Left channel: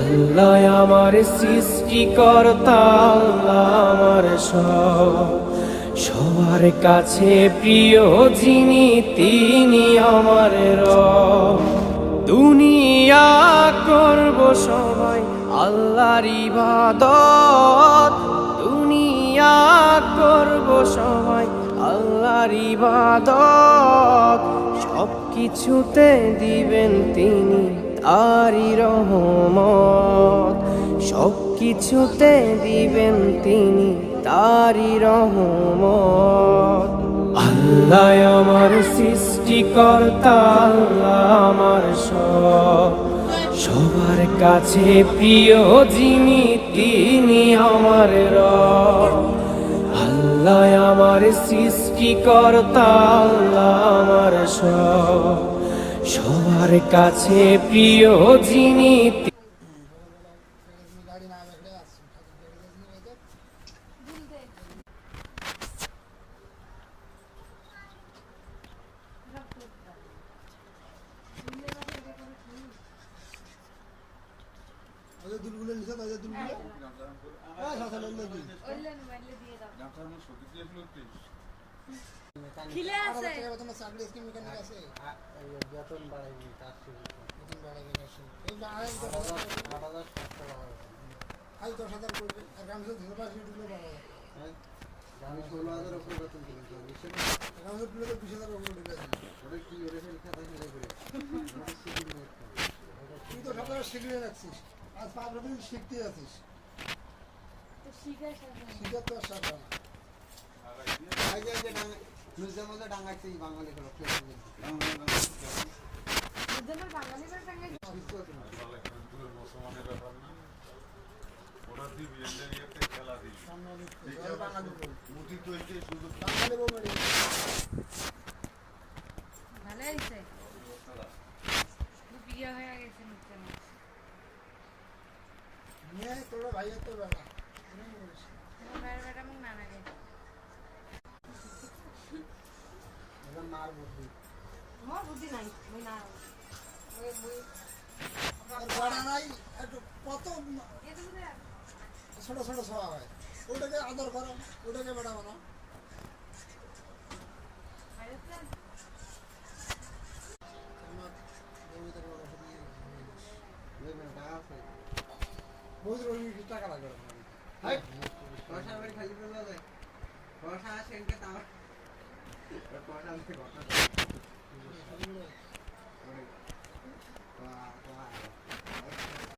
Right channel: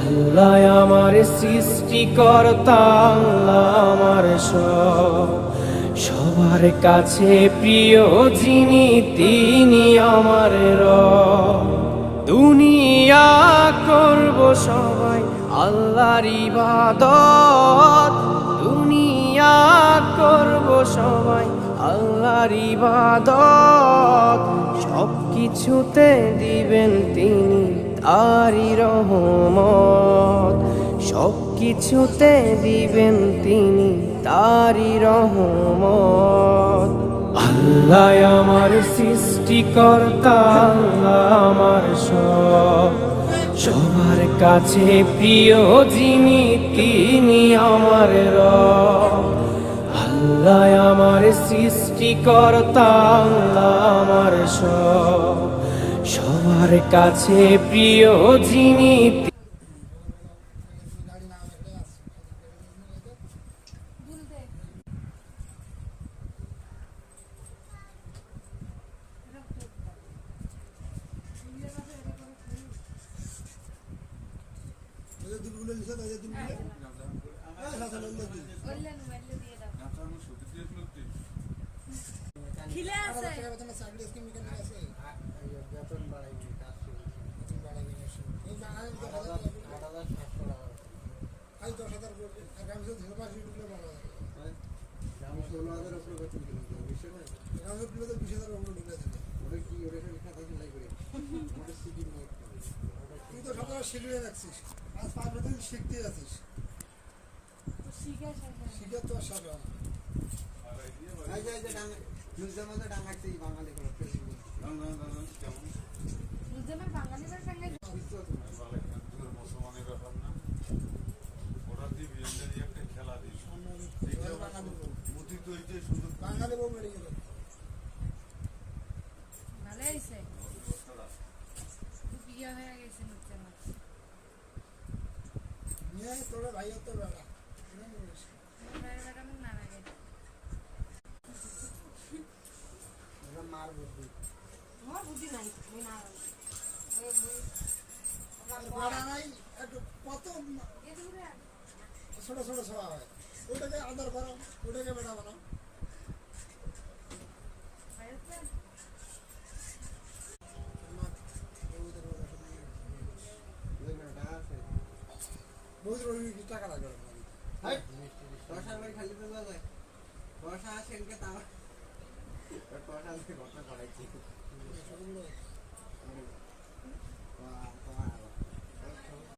আল্লাহ আমার সৃষ্টিকর্তা, আল্লাহ আমার সবার কাছে প্রিয় যিনি তিনি আমার রব। দুনিয়া করব সবাই আল্লাহর ইবাদত, দুনিয়া করব সবাই আল্লাহর ইবাদত। সব কিছুতে দিবেন তিনি তারি রহমত, সব কিছুতে দিবেন তিনি তারি রহমত। আল্লাহ আমার সৃষ্টিকর্তা, আল্লাহ আমার সবার কাছে প্রিয় যিনি তিনি আমার রব। আল্লাহ আমার সৃষ্টিকর্তা, আল্লাহ আমার সবার কাছে প্রিয় যিনি। দুলগুলো নিছে তাদের দুলগুলো এই কথা লইলে দিই ওইলেন মাইলে দিয়ে দাও জামটা আমি সত্যি দিয়ে ফেলতে খিলে আছে টাকা বেতন চাকরি স্কিম মেকানিক আছে বেতন বাড়াইনি কাজ বেতন বাড়াইনি এই যে আরেক 8700 আই 10000 করবে আর আমি তো ধরে পাঁচ দুলগুলো বাড়াবো আমি 16000 উপরে বেতন দিলাম বুঝছেন আমি তো 20000 উপরে দিলাম ওটা কি ওরে লেখা থাকে লাই করে ওটা সিডি নোট তুই তো সকালে শিখিয়ে রাখছিস আজ 15 দিন শিখতে আছিস তো শিখে শিখে তো আসা না আই যে ডাঙ্গা নিউজের মধ্যে ডাঙ্গাইছে বাঙালি লোক বুঝলেন বাঙালিদের সঙ্গে মুসলমানের ব্যাপার না, ওরা তুই বিয়ের একটা খেলা দিস মুটি তো এটাই শুধু বাঙালি বউ মেরে ভালো হয়েছে বিয়ে হয়ে গেছে নিচে নিয়ে তোর ভাইয়ের তো বেড়া ভাইয়ের বেটা মুখ না লাগে মার বুদ্ধি মোর বুদ্ধি নাই মুই না বড়া নাই একটু কত ছোট ছোট সভা হয় ওটাকে আদর করো ওটাকে বেড়া বানাও বহুত রোগী টাকা লাগবে বর্ষার বাড়ি খালি তো যাবে বর্ষা সেনকে তাও বর্ষা থেকে ঘটনা